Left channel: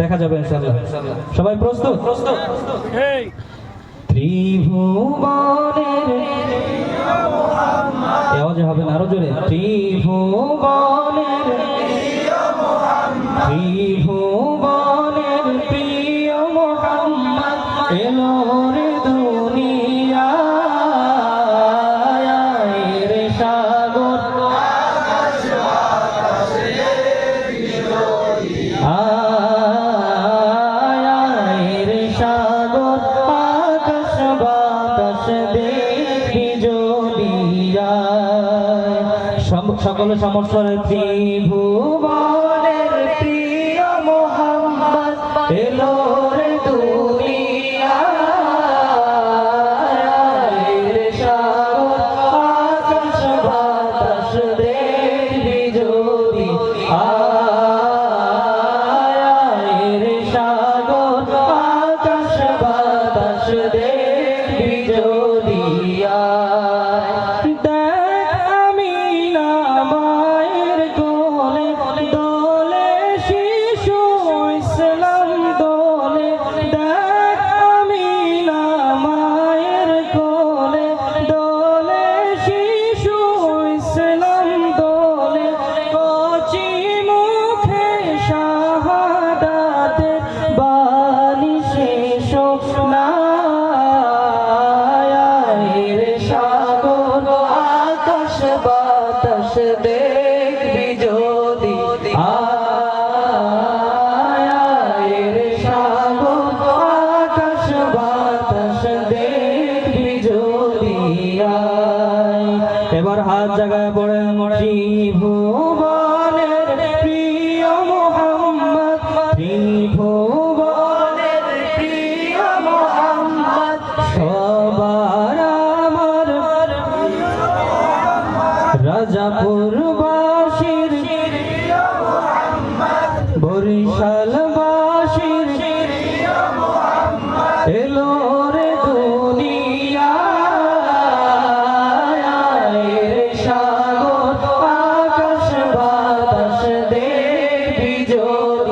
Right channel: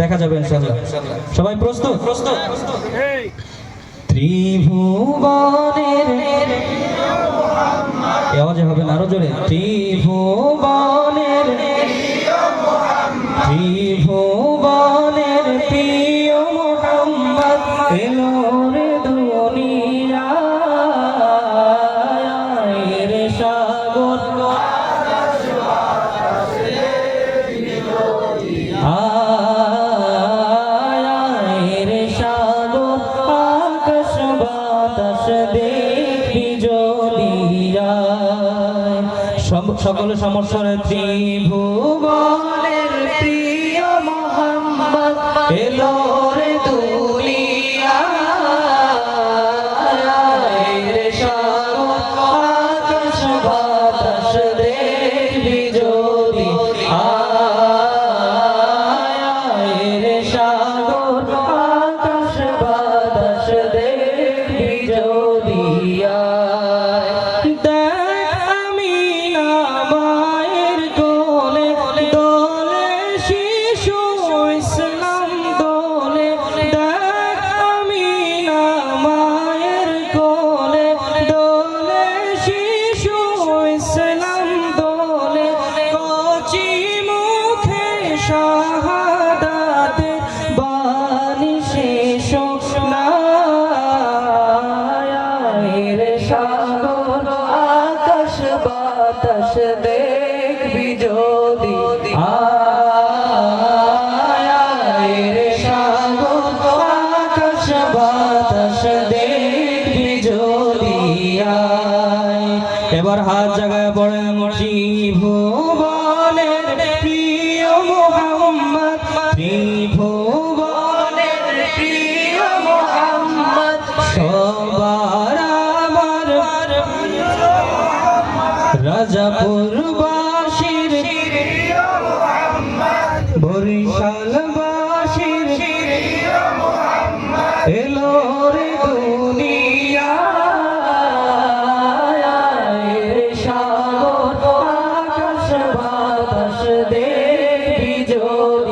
দেখা যাবে ইনশাআল্লাহ। সবাই প্রস্তুত? প্রস্তুত ত্রিভুবনের আওয়াজে হবে না আরও জোরে। ত্রিভুবনের ত্রিভুবনের সকল সমস্যার ত্রিভুবনের সবার আমার রাজাপুর বাসির বরিশাল বাসির এলো রে দুনিয়ায় সাগর আকাশ বাতাস দেখবি যদি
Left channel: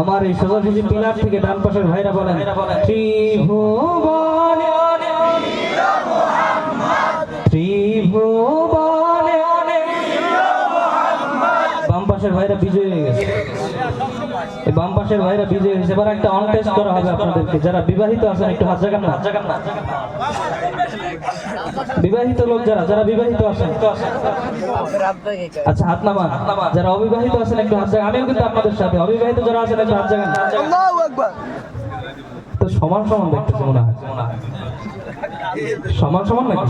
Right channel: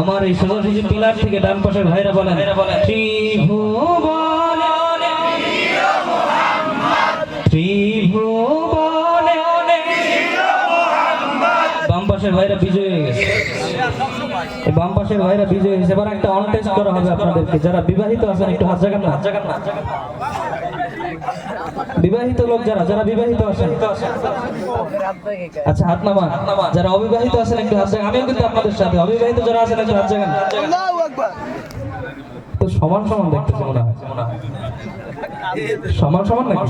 আমার এই সোজাসুজি পিলার থেকে ডান পাশের ভাইরা বলেন ত্রিভুবন ত্রিভুবন বাম পাশের ভাইরা বিজয় হয়ে গেছে। এই বাম পাশের ভাইরা বিজয় হয়েছে। এবার একটা করা হবে আপনাদেরকে। যারা বিবাহিত আছেন একটু হাত জাগান না হাত জাগান না। বিবাহিত লোক যারা যারা বিবাহিত আছেন আচ্ছা হাত নামান। যারা অবিবাহিত আছেন একটু হাত আমিও কিন্তু আপনাদের সাথে। অবিবাহিত যারা আছেন একটু হাত জাগান। তো সমান সমান দেখতেছি মনে হয়। সমান সমান নাকি?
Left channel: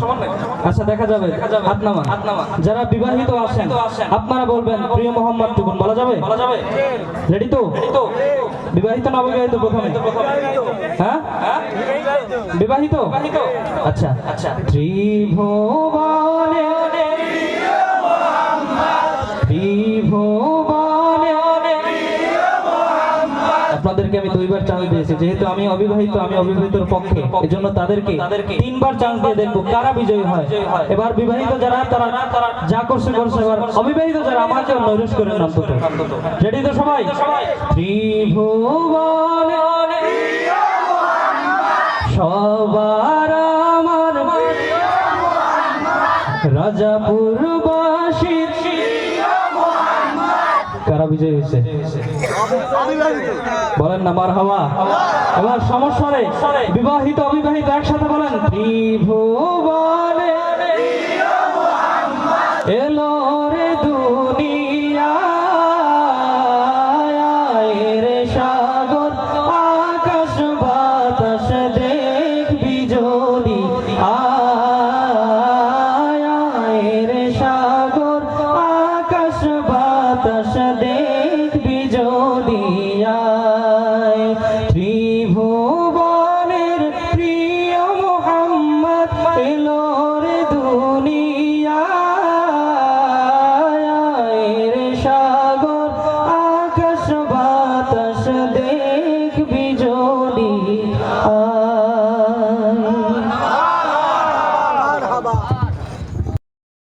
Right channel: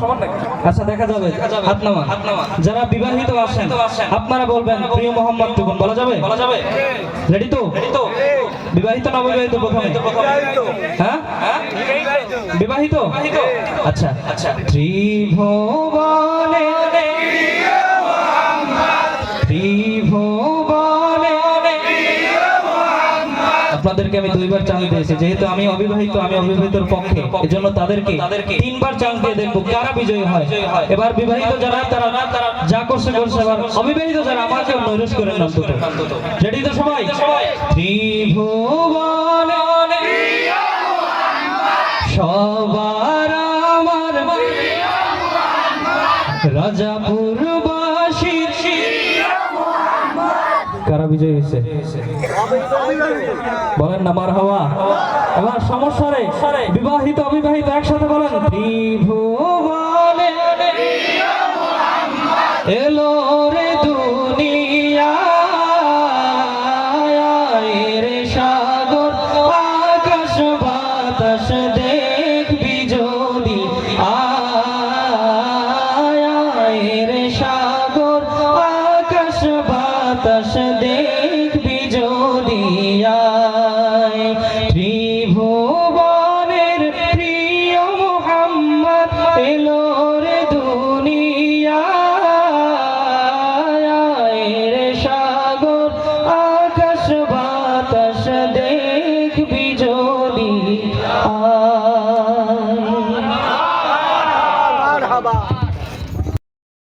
আচ্ছা দেখা যাবে। হাত নামা যারা বিবাহিত আছেন আপনারা বলবেন প্রিয় মোহাম্মদ টুকুন বলা যাবে? রেডি তো? বিবাহিত না অবিবাহিত প্রথমে। বিবাহিত? আচ্ছা। আচ্ছা। ত্রিভুবনে আপনাদেরকে আমি দুইবার চান্স দিয়েছি। যেহেতু আমি অবিবাহিত আমি অবিবাহিতর পক্ষে। জন্য তাদেরকে তিনবার চান্স দিয়ে দেখব কারা বিজয়ী হয়। এবার বিবাহিত যারা তারা যা করছে করছে এবার অবিবাহিত যারা আমাকে করে রেডি তো সবাই? ত্রিভুবন কারা বিজয় হয়েছে? বলেন না মার সমস্যা বিবাহিত অবিবাহিত একসাথে বলেন